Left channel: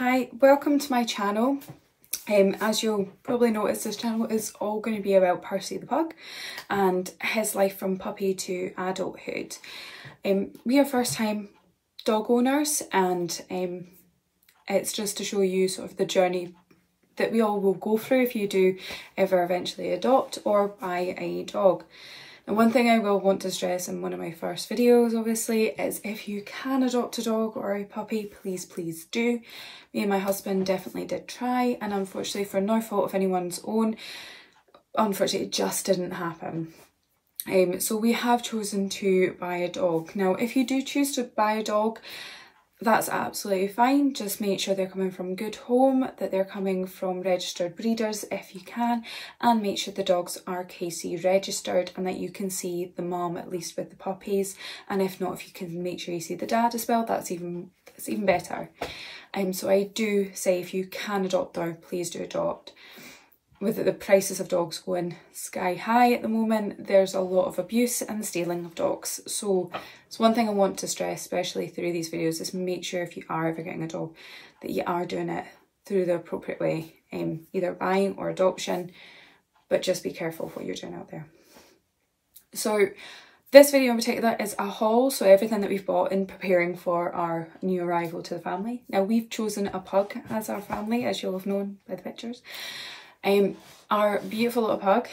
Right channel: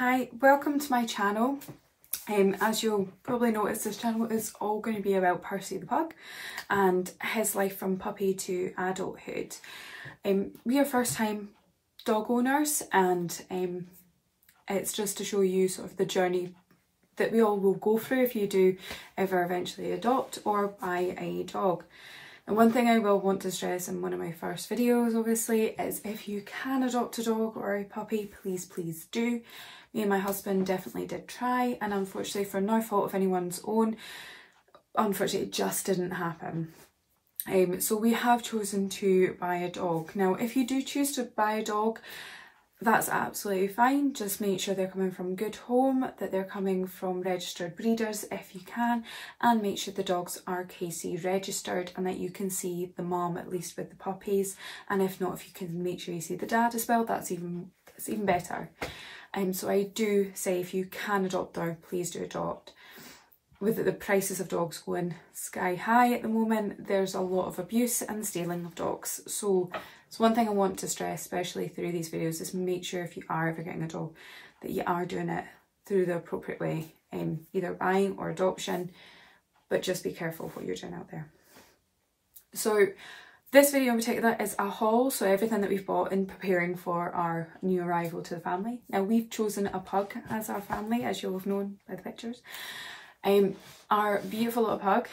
Hi, welcome to my channel. As you'll probably notice, this channel is all going to be about Percy the pug and his life from puppy to adulthood. We are first time dog owners, and it's just to show you sort of the journey that we all will go through if you do ever eventually adopt or buy a dog. And one thing I will want to stress in one of my first videos, obviously, is if you can adopt a dog or a puppy, please do. Me and my husband definitely did try, and unfortunately, for no fault of anyone's own, unfortunately it just didn't happen. So we have chosen to buy a dog. Now, if you do choose to buy a dog, that's absolutely fine. Just make sure they're coming from a good home, that they're coming from registered breeders if you can, and make sure the dogs are KC registered and that you can see the mom at least with the puppies. And if not, if you can make sure you see the dad as well, that's even better. So I do say if you can adopt though, please do adopt. With the prices of dogs going sky high at the moment, there's a lot of abuse and stealing of dogs. So it's one thing I want to stress, especially through these videos, is make sure if you are ever getting a dog, that you are doing it through the appropriate way, either buying or adoption, but just be careful what you're doing out there. So this video in particular is a haul, so everything that we've bought in preparing for our new arrival to the family. Now, we've chosen a pug as our family, as you'll have known by the pictures. Our beautiful little pug,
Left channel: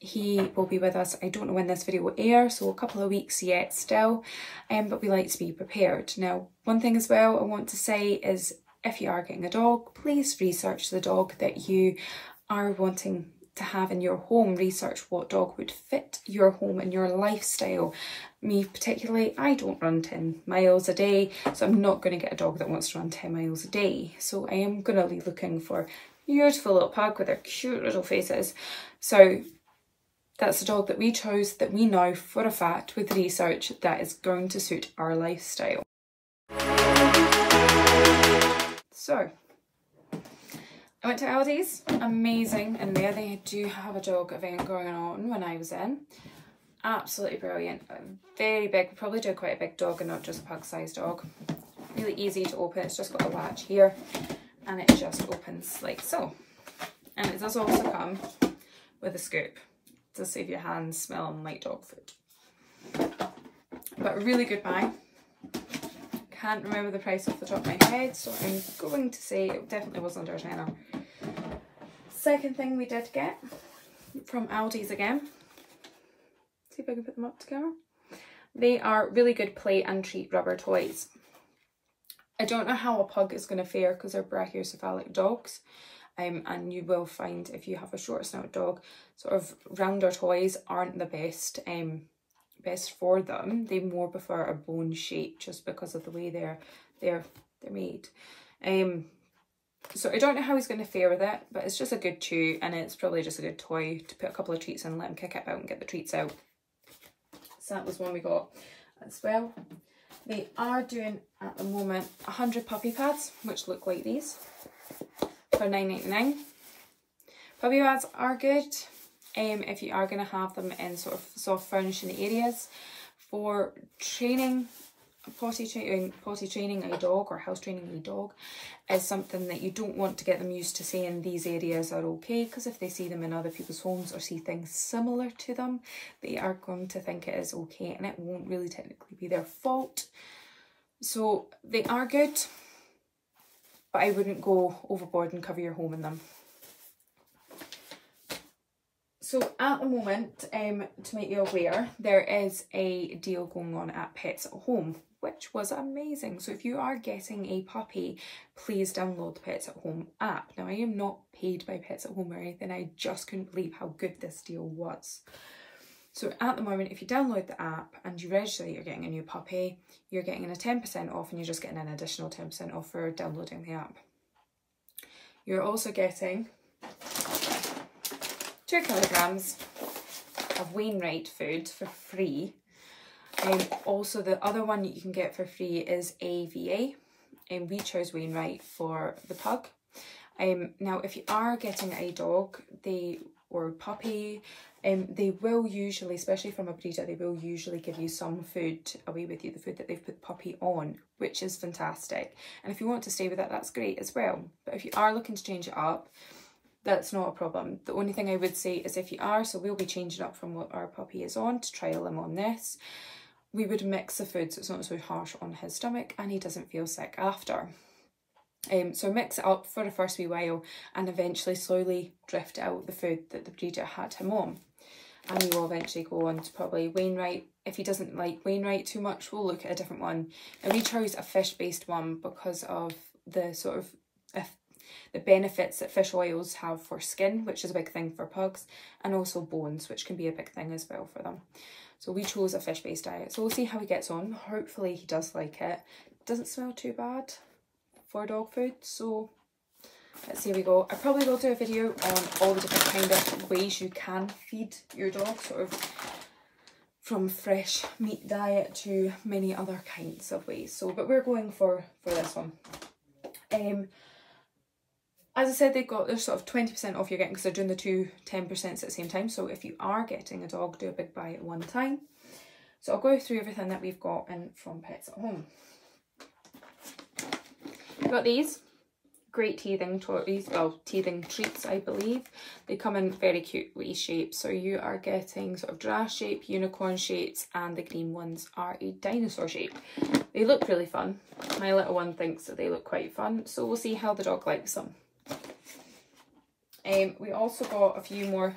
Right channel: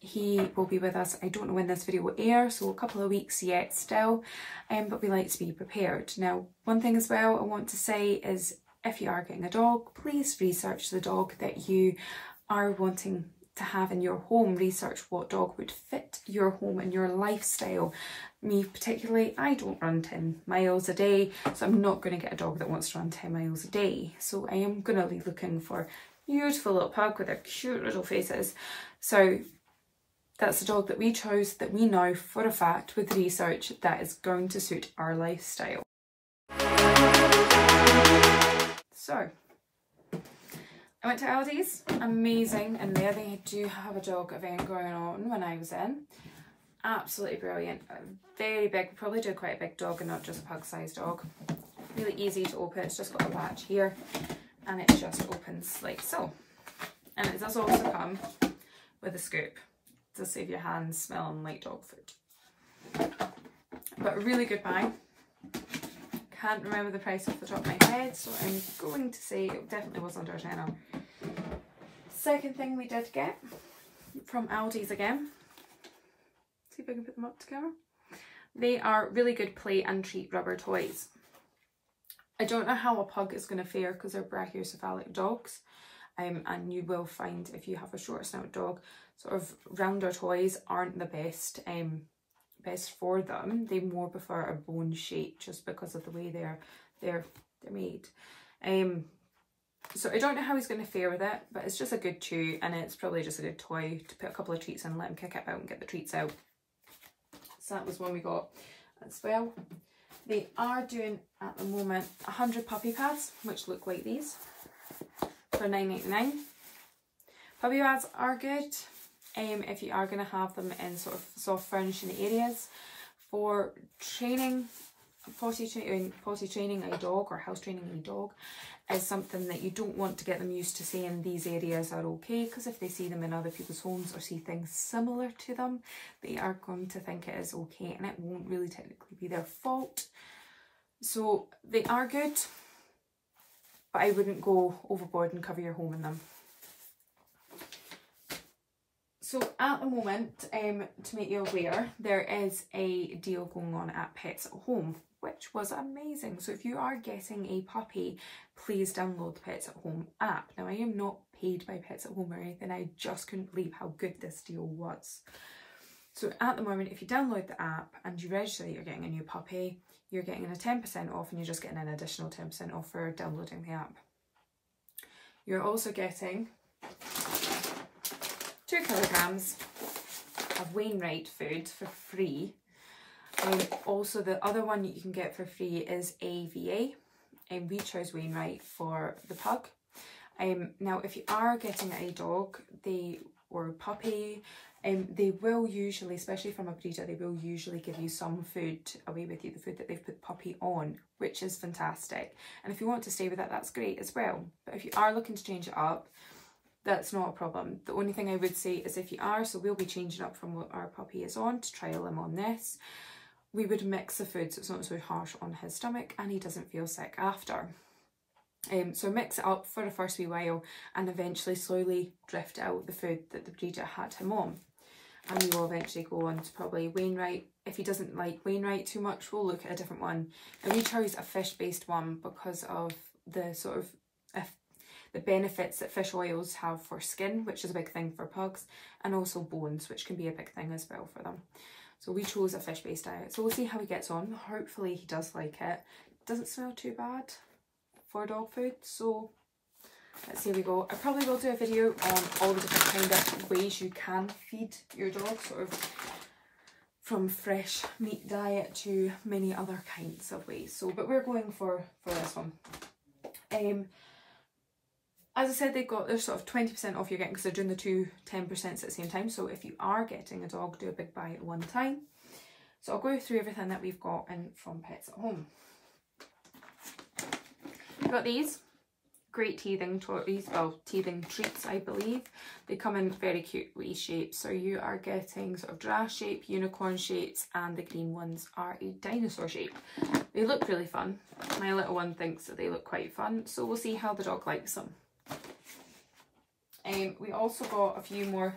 he will be with us, I don't know when this video will air, so a couple of weeks yet still, but we like to be prepared. Now, one thing as well I want to say is, if you are getting a dog, please research the dog that you are wanting to have in your home. Research what dog would fit your home and your lifestyle. Me particularly, I don't run 10 miles a day, so I'm not going to get a dog that wants to run 10 miles a day. So I am going to be looking for beautiful little pug with their cute little faces. So that's a dog that we chose, that we know for a fact with research that is going to suit our lifestyle. So I went to Aldi's, amazing, and there they do have a dog event going on when I was in. Absolutely brilliant, very big, probably do quite a big dog and not just a pug sized dog. Really easy to open, it's just got a latch here. And it just opens like so. And it does also come with a scoop to save your hands smelling like dog food. But a really good buy. Can't remember the price off the top of my head, so I'm going to say it definitely was under a tenner. Second thing we did get from Aldi's again. See if I can put them up together. They are really good play and treat rubber toys. I don't know how a pug is going to fare because they're brachiocephalic dogs, and you will find if you have a short snout dog, sort of rounder toys aren't the best for them. They more prefer a bone shape just because of the way they're made. So I don't know how he's going to fare with it, but it's just a good chew, and it's probably just a good toy to put a couple of treats in, let him kick it out and get the treats out. So that was one we got as well. They are doing at the moment 100 puppy pads, which look like these, for $9.99. Puppy pads are good if you are going to have them in sort of soft furnishing areas. For training, potty training a dog or house training a dog is something that you don't want to get them used to saying these areas are okay, because if they see them in other people's homes or see things similar to them, they are going to think it is okay, and it won't really technically be their fault. So they are good, but I wouldn't go overboard and cover your home in them. So at the moment, to make you aware, there is a deal going on at Pets at Home, which was amazing. So if you are getting a puppy, please download the Pets at Home app. Now, I am not paid by Pets at Home or anything. I just couldn't believe how good this deal was. So at the moment, if you download the app and you register that you're getting a new puppy, you're getting a 10% off, and you're just getting an additional 10% off for downloading the app. You're also getting 2 kilograms of Wainwright food for free. And also the other one you can get for free is AVA, and we chose Wainwright for the pug. Now, if you are getting a dog or a puppy, They will usually, especially from a breeder, they will usually give you some food away with you, the food that they've put the puppy on, which is fantastic. And if you want to stay with it, that's great as well. But if you are looking to change it up, that's not a problem. The only thing I would say is if you are, so we'll be changing up from what our puppy is on to trial him on this, we would mix the food so it's not so harsh on his stomach and he doesn't feel sick after. So mix it up for the first wee while and eventually slowly drift out the food that the breeder had him on. And we will eventually go on to probably Wainwright. If he doesn't like Wainwright too much, we'll look at a different one. And we chose a fish-based one because of the sort of the benefits that fish oils have for skin, which is a big thing for pugs, and also bones, which can be a big thing as well for them. So we chose a fish-based diet. So we'll see how he gets on. Hopefully he does like it. Doesn't smell too bad for dog food, so let's see how we go. I probably will do a video on all the different kind of ways you can feed your dog, sort of from fresh meat diet to many other kinds of ways. So, but we're going for this one. As I said, they're sort of 20% off you're getting because they're doing the two 10% at the same time. So if you are getting a dog, do a big buy at one time. So I'll go through everything that we've got in from Pets at Home. We've got these great teething toys, well, teething treats, I believe. They come in very cute wee shapes. So you are getting sort of giraffe shape, unicorn shapes, and the green ones are a dinosaur shape. They look really fun. My little one thinks that they look quite fun. So we'll see how the dog likes them. We also got a few more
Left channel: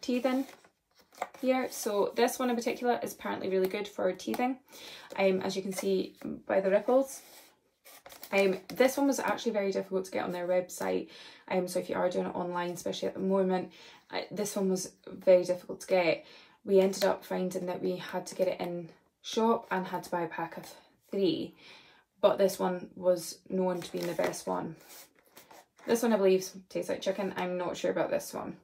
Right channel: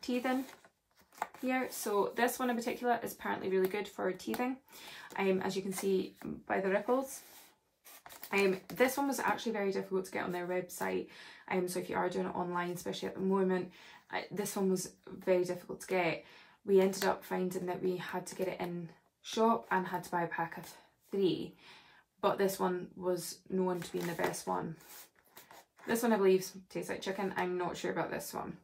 teething here. So this one in particular is apparently really good for teething, as you can see by the ripples. This one was actually very difficult to get on their website, so if you are doing it online, especially at the moment, this one was very difficult to get. We ended up finding that we had to get it in shop and had to buy a pack of 3, but this one was known to be the best one. This one I believe tastes like chicken. I'm not sure about this one.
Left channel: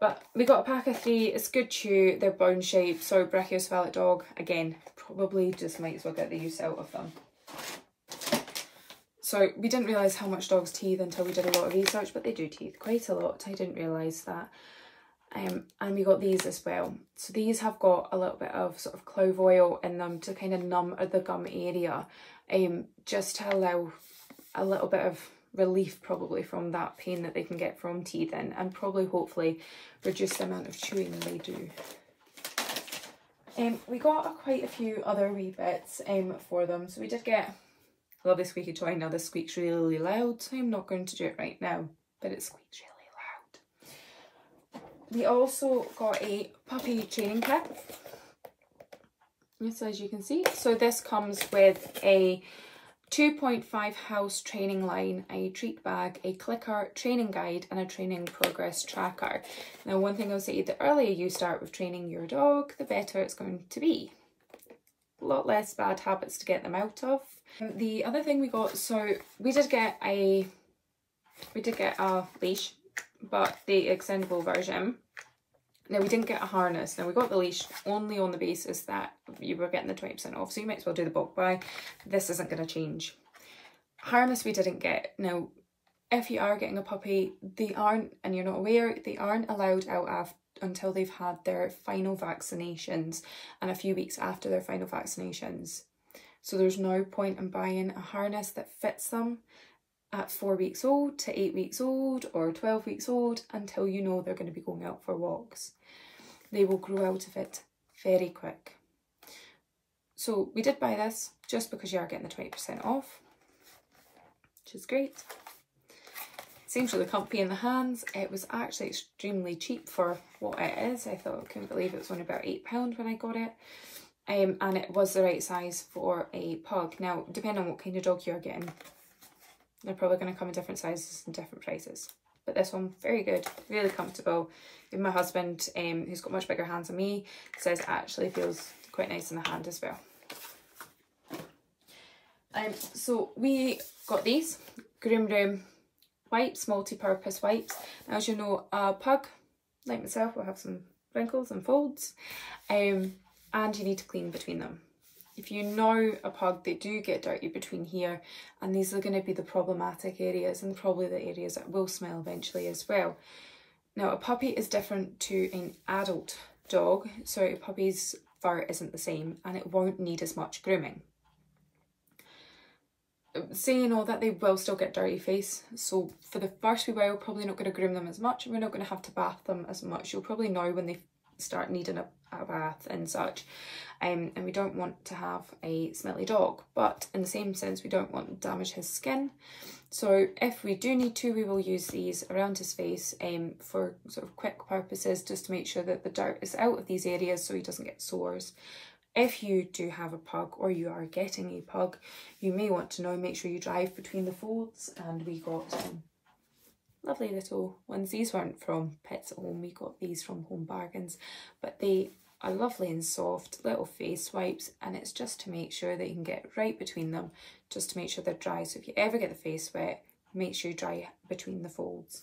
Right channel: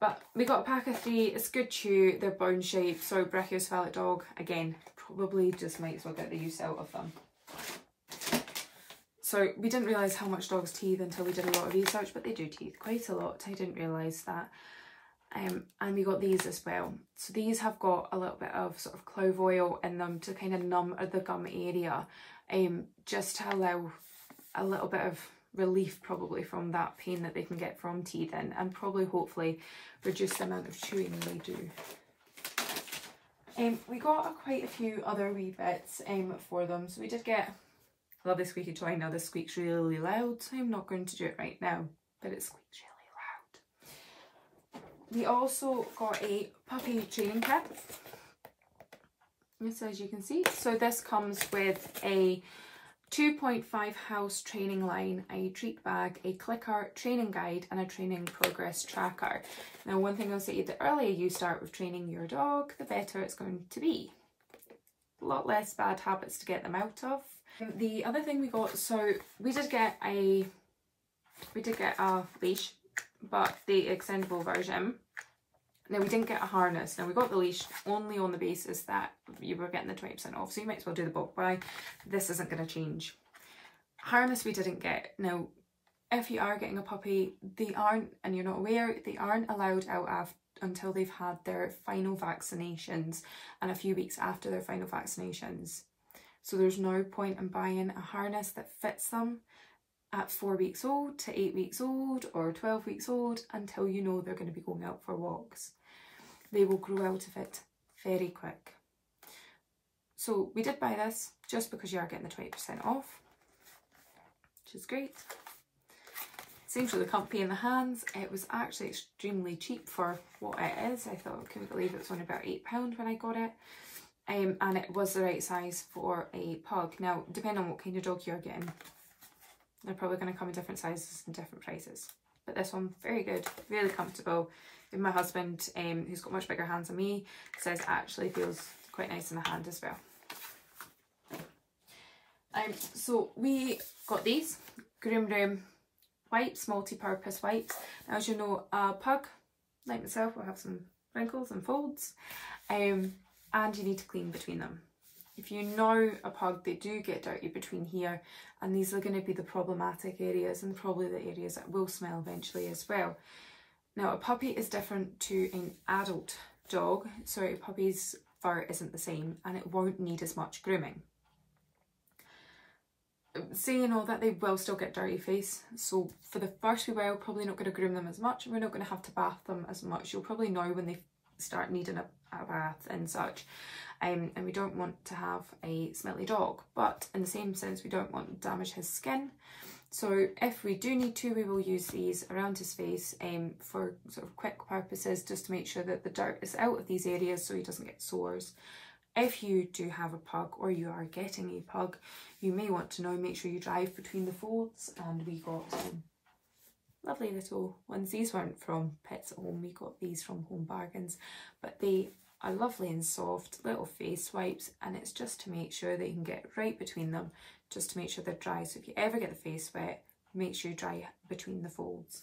But we got a pack of 3. It's good chew. They're bone shaped. So brachiocephalic dog, again, probably just might as well get the use out of them. So we didn't realise how much dogs teeth until we did a lot of research, but they do teeth quite a lot. I didn't realise that. And we got these as well. So these have got a little bit of sort of clove oil in them to kind of numb the gum area, just to allow a little bit of relief probably from that pain that they can get from teething, and probably hopefully reduce the amount of chewing they do. We got quite a few other wee bits for them. So we did get, I love this squeaky toy. Now this squeaks really loud, so I'm not going to do it right now, but it squeaks really loud. We also got a puppy training kit. This, as you can see, so this comes with a 2.5 house training line, a treat bag, a clicker, training guide, and a training progress tracker. Now, one thing I'll say, the earlier you start with training your dog, the better it's going to be. A lot less bad habits to get them out of. The other thing we got, so we did get a leash, but the extendable version. Now, we didn't get a harness. Now, we got the leash only on the basis that you were getting the 20% off, so you might as well do the bulk buy. This isn't going to change. Harness we didn't get. Now, if you are getting a puppy, they aren't, and you're not aware, they aren't allowed out until they've had their final vaccinations and a few weeks after their final vaccinations. So there's no point in buying a harness that fits them at 4 weeks old to 8 weeks old or 12 weeks old until you know they're going to be going out for walks. They will grow out of it very quick. So we did buy this just because you are getting the 20% off, which is great. Seems really comfy in the hands. It was actually extremely cheap for what it is. I couldn't believe it was only about £8 when I got it. And it was the right size for a pug. Now, depending on what kind of dog you're getting, they're probably going to come in different sizes and different prices. But this one, very good, really comfortable. Even my husband, who's got much bigger hands than me, says it actually feels quite nice in the hand as well. So we got these Groom Room wipes, multi-purpose wipes. Now, as you know, a pug, like myself, will have some wrinkles and folds, and you need to clean between them. If you know a pug, they do get dirty between here, and these are going to be the problematic areas and probably the areas that will smell eventually as well. Now a puppy is different to an adult dog, so a puppy's fur isn't the same and it won't need as much grooming. Saying all that, they will still get dirty face, so for the first wee while probably not going to groom them as much, and we're not going to have to bath them as much. You'll probably know when they start needing a bath and such, and we don't want to have a smelly dog, but in the same sense we don't want to damage his skin. So if we do need to, we will use these around his face for sort of quick purposes, just to make sure that the dirt is out of these areas so he doesn't get sores. If you do have a pug or you are getting a pug, you may want to know, make sure you drive between the folds. And we got some lovely little ones. These weren't from Pets at Home, we got these from Home Bargains, but they are lovely and soft little face wipes, and it's just to make sure that you can get right between them, just to make sure they're dry. So if you ever get the face wet, make sure you dry between the folds.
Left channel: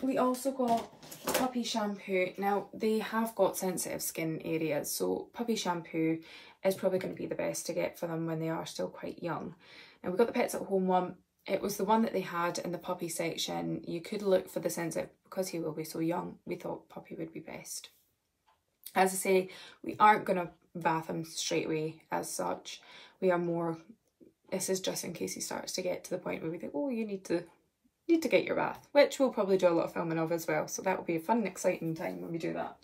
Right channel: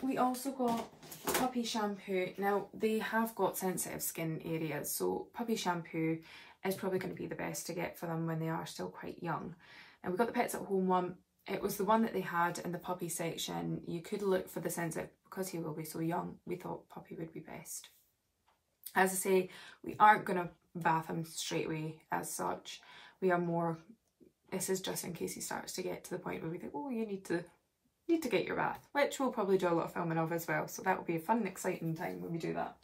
We also got puppy shampoo. Now they have got sensitive skin areas, so puppy shampoo is probably going to be the best to get for them when they are still quite young. And we got the Pets at Home one. It was the one that they had in the puppy section. You could look for the sensitive, because he will be so young, we thought puppy would be best. As I say, we aren't going to bath him straight away as such. We are more, this is just in case he starts to get to the point where we think, oh, you need to get your bath, which we'll probably do a lot of filming of as well, so that will be a fun and exciting time when we do that.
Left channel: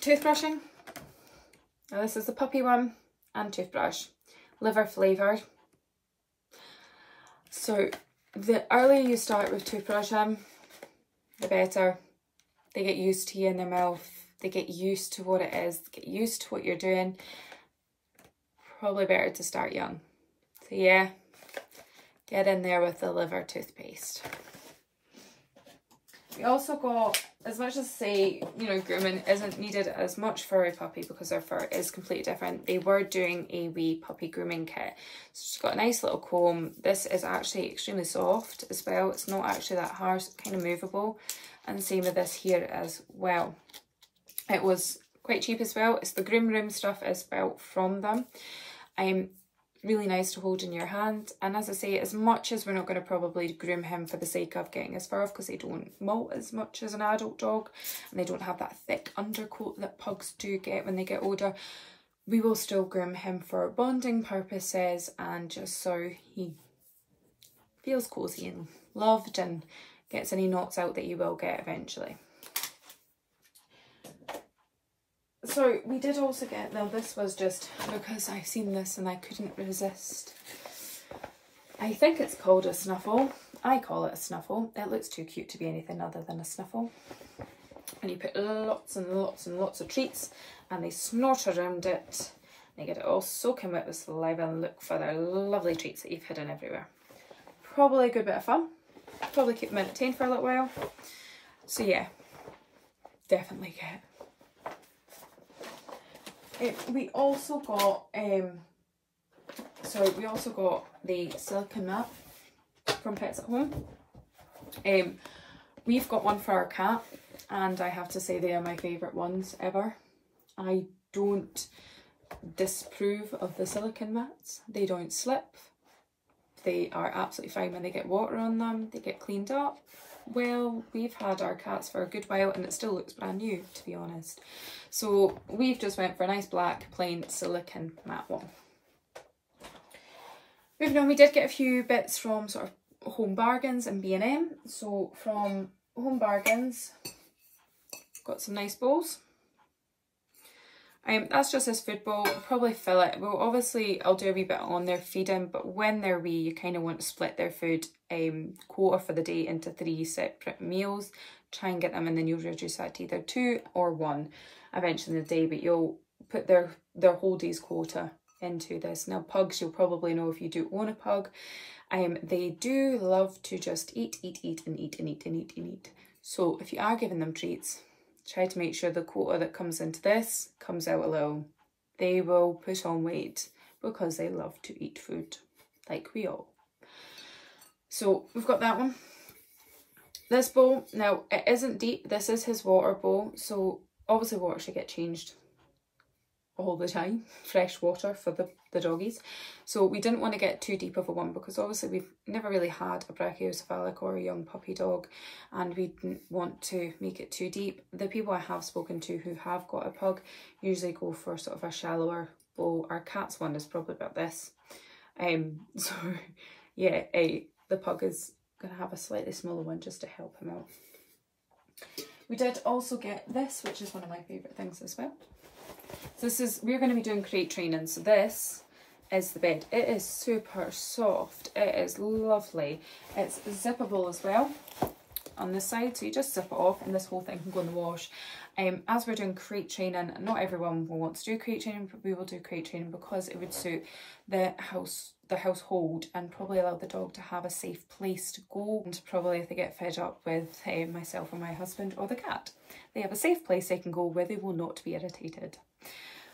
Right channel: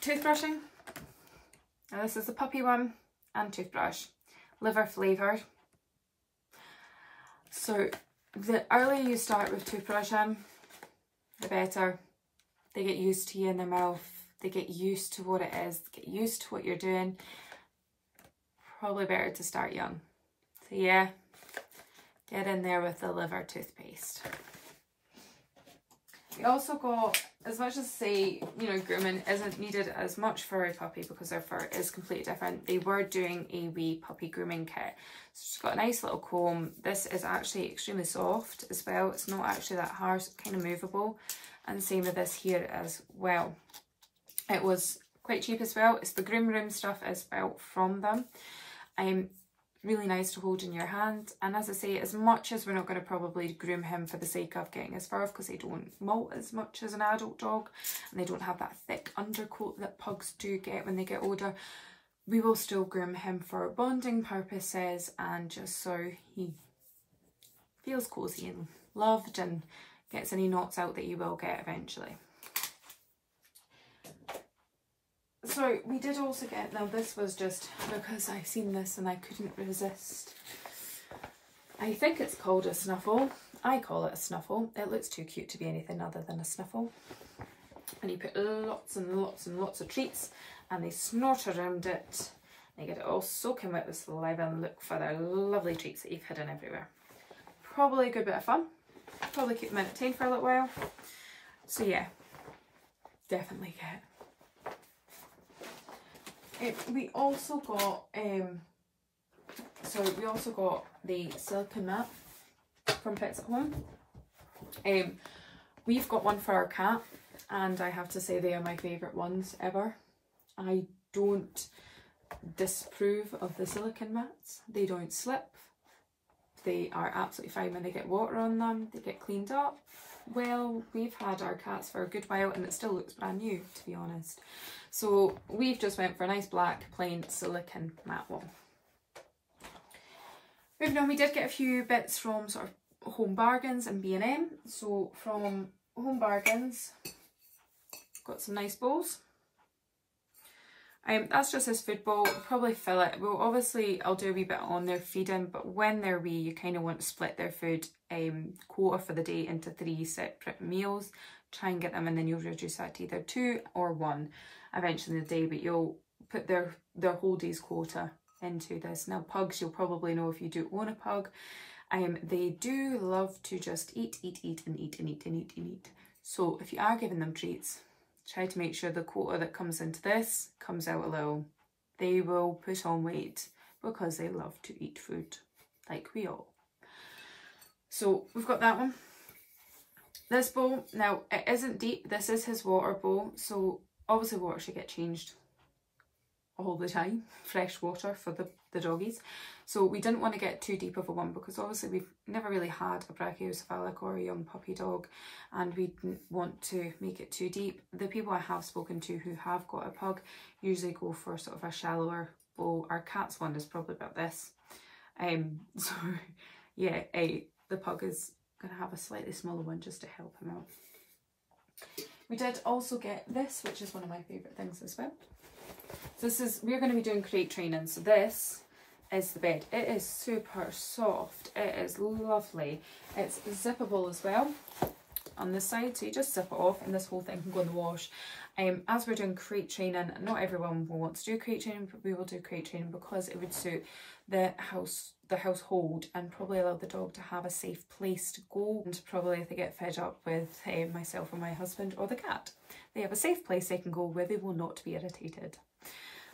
Toothbrushing. Now this is the puppy one, and toothbrush. Liver flavoured. So the earlier you start with toothbrushing, the better. They get used to you in their mouth, they get used to what it is, they get used to what you're doing. Probably better to start young. So yeah, get in there with the liver toothpaste. We also got, as much as say, you know, grooming isn't needed as much for a puppy because their fur is completely different, they were doing a wee puppy grooming kit. So it's got a nice little comb. This is actually extremely soft as well. It's not actually that harsh, it's kind of movable. And same with this here as well. It was quite cheap as well. It's the Groom Room stuff as well from them. Really nice to hold in your hand, and as I say, as much as we're not going to probably groom him for the sake of getting his fur off, because they don't molt as much as an adult dog and they don't have that thick undercoat that pugs do get when they get older, we will still groom him for bonding purposes and just so he feels cozy and loved and gets any knots out that you will get eventually. So we did also get, now this was just because I've seen this and I couldn't resist. I think it's called a snuffle. I call it a snuffle. It looks too cute to be anything other than a snuffle. And you put lots and lots and lots of treats and they snort around it. They get it all soaking wet with saliva and look for their lovely treats that you've hidden everywhere. Probably a good bit of fun. Probably keep them entertained for a little while. So yeah, definitely get it. We also got the silicone mat from Pets at Home. We've got one for our cat, and I have to say they are my favourite ones ever. I don't disapprove of the silicone mats. They don't slip. They are absolutely fine when they get water on them. They get cleaned up. Well, we've had our cats for a good while and it still looks brand new, to be honest. So we've just went for a nice black plain silicone mat one. Moving on, we did get a few bits from sort of Home Bargains and B&M. So from Home Bargains, got some nice bowls. That's just this food bowl. We'll probably fill it. Well, obviously I'll do a wee bit on their feeding, but when they're wee, you kind of want to split their food quota for the day into 3 separate meals. Try and get them, and then you'll reduce that to either 2 or 1 eventually in the day, but you'll put their whole day's quota into this. Now pugs, you'll probably know if you do own a pug, they do love to just eat. So if you are giving them treats, try to make sure the quota that comes into this comes out a little. They will put on weight because they love to eat food, like we all. So we've got that one. This bowl, now it isn't deep, this is his water bowl, so obviously water should get changed all the time. Fresh water for the the doggies. So we didn't want to get too deep of a one because obviously we've never really had a brachiocephalic or a young puppy dog, and we didn't want to make it too deep. The people I have spoken to who have got a pug usually go for sort of a shallower bowl. Our cat's one is probably about this. So yeah, the pug is going to have a slightly smaller one just to help him out. We did also get this, which is one of my favourite things as well. So this is, we're going to be doing crate training. So this is the bed. It is super soft. It is lovely. It's zippable as well on this side. So you just zip it off and this whole thing can go in the wash. As we're doing crate training, not everyone will want to do crate training, but we will do crate training because it would suit the household and probably allow the dog to have a safe place to go, and probably if they get fed up with myself or my husband or the cat, they have a safe place they can go where they will not be irritated.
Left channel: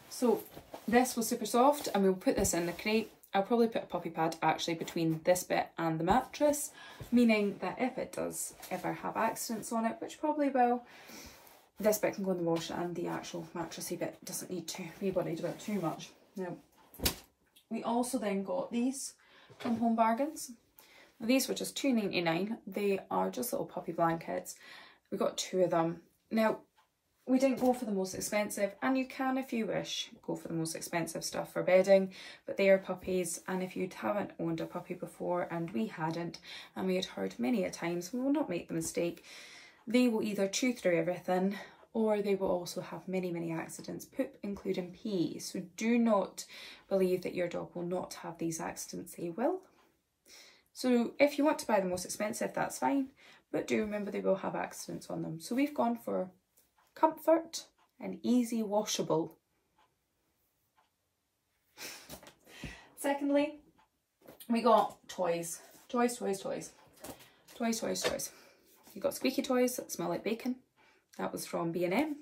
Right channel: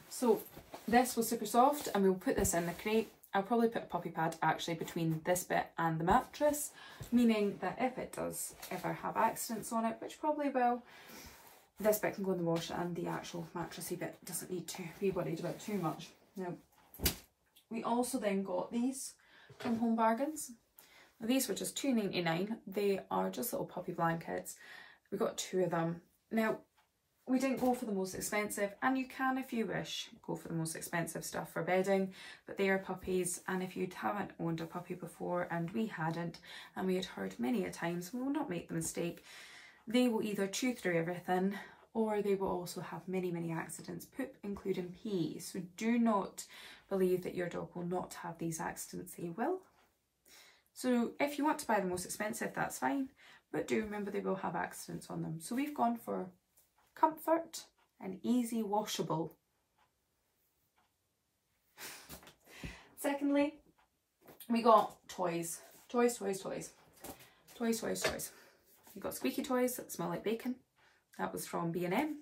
So this was super soft, and we'll put this in the crate. I'll probably put a puppy pad actually between this bit and the mattress, meaning that if it does ever have accidents on it, which probably will, this bit can go in the wash and the actual mattressy bit doesn't need to be worried about too much. Now, we also then got these from Home Bargains. These were just $2.99. They are just little puppy blankets. We got 2 of them. Now, we didn't go for the most expensive, and you can, if you wish, go for the most expensive stuff for bedding, but they are puppies, and if you haven't owned a puppy before, and we hadn't, and we had heard many a times, we will not make the mistake, they will either chew through everything, or they will also have many, many accidents, poop including pee. So do not believe that your dog will not have these accidents, they will. So if you want to buy the most expensive, that's fine, but do remember they will have accidents on them. So we've gone for comfort and easy washable. Secondly, we got toys. Toys. You got squeaky toys that smell like bacon. That was from B&M.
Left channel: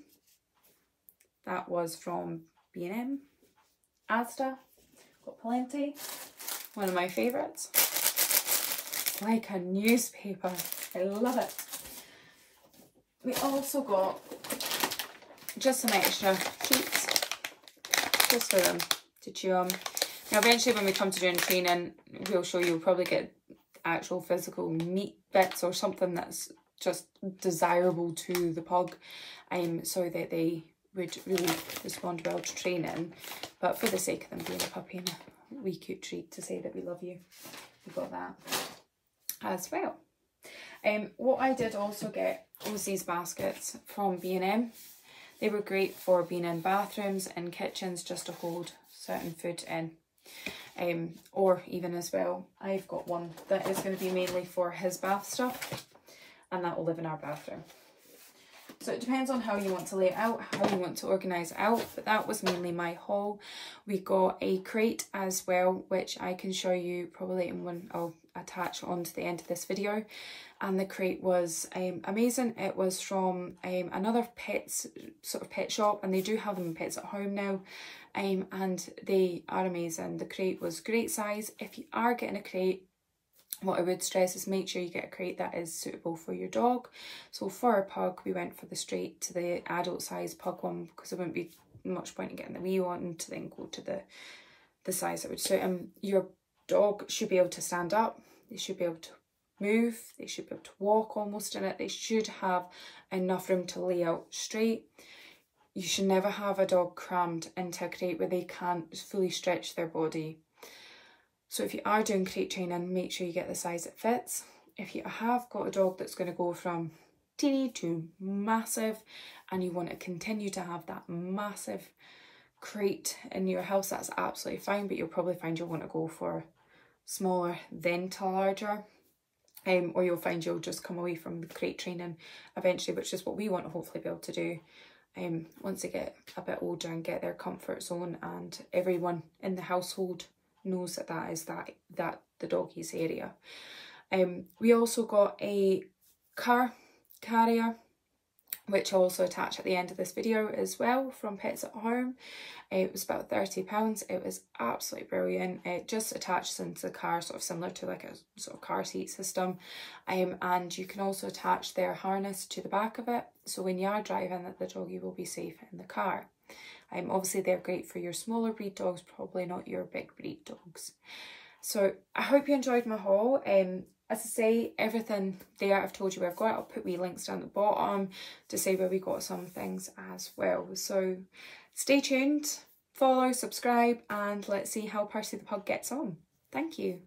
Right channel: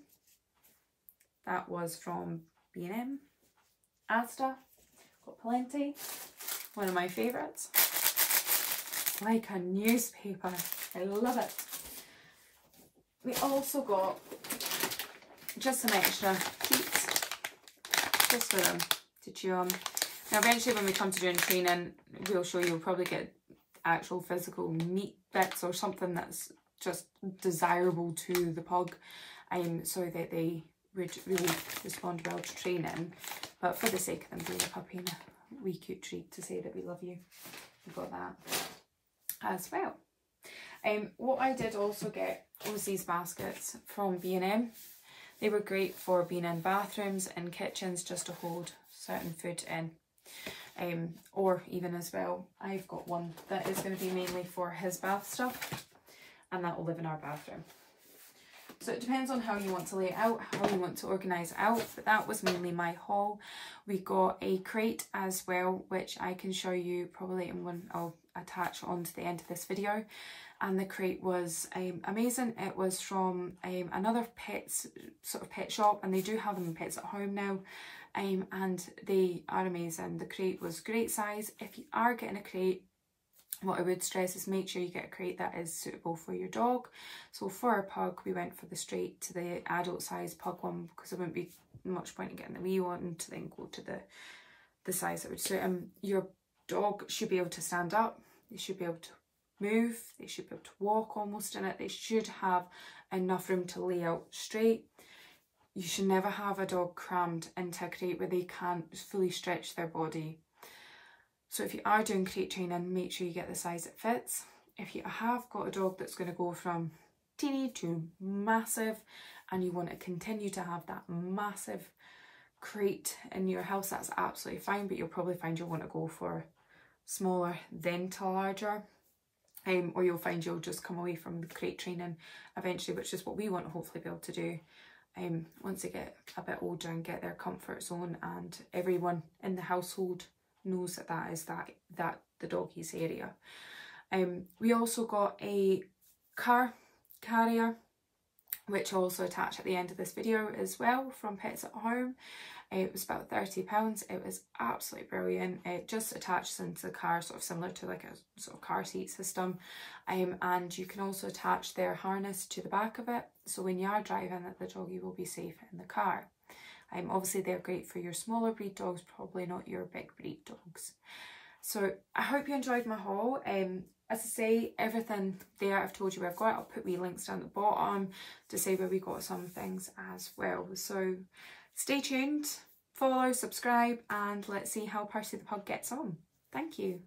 That was from B&M. Asda. Got plenty. One of my favourites. It's like a newspaper. I love it. We also got just some extra treats just for them to chew on. Now eventually when we come to doing training, we'll show you, we'll probably get actual physical meat bits or something that's just desirable to the pug, so that they would really respond well to training. But for the sake of them being a puppy and a wee cute treat to say that we love you, we've got that as well. What I did also get was these baskets from B&M. They were great for being in bathrooms and kitchens just to hold certain food in. Or even as well, I've got one that is going to be mainly for his bath stuff, and that will live in our bathroom. So it depends on how you want to lay it out, how you want to organise it out, but that was mainly my haul. We got a crate as well, which I can show you probably in one I'll attach onto the end of this video. And the crate was amazing. It was from another sort of pet shop, and they do have them in Pets at Home now, and they are amazing. The crate was great size. If you are getting a crate, what I would stress is make sure you get a crate that is suitable for your dog. So for our pug, we went for the straight to the adult size pug one, because there wouldn't be much point in getting the wee one to then go to the size that would suit him. Your dog should be able to stand up. They should be able to move. They should be able to walk almost in it. They should have enough room to lay out straight. You should never have a dog crammed into a crate where they can't fully stretch their body. So if you are doing crate training, make sure you get the size that fits. If you have got a dog that's going to go from teeny to massive, and you want to continue to have that massive crate in your house, that's absolutely fine, but you'll probably find you'll want to go for smaller then to larger. Or you'll find you'll just come away from the crate training eventually, which is what we want to hopefully be able to do once they get a bit older and get their comfort zone, and everyone in the household knows that that is the doggies area. We also got a car carrier, which I'll also attach at the end of this video as well, from Pets at Home. It was about £30. It was absolutely brilliant. It just attaches into the car, sort of similar to like a sort of car seat system. And you can also attach their harness to the back of it, so when you are driving, that the doggy will be safe in the car. Obviously they're great for your smaller breed dogs, probably not your big breed dogs. So I hope you enjoyed my haul. As I say, everything there I've told you where I've got it. I'll put wee links down at the bottom to say where we got some things as well. So stay tuned, follow, subscribe, and let's see how Percy the Pug gets on. Thank you.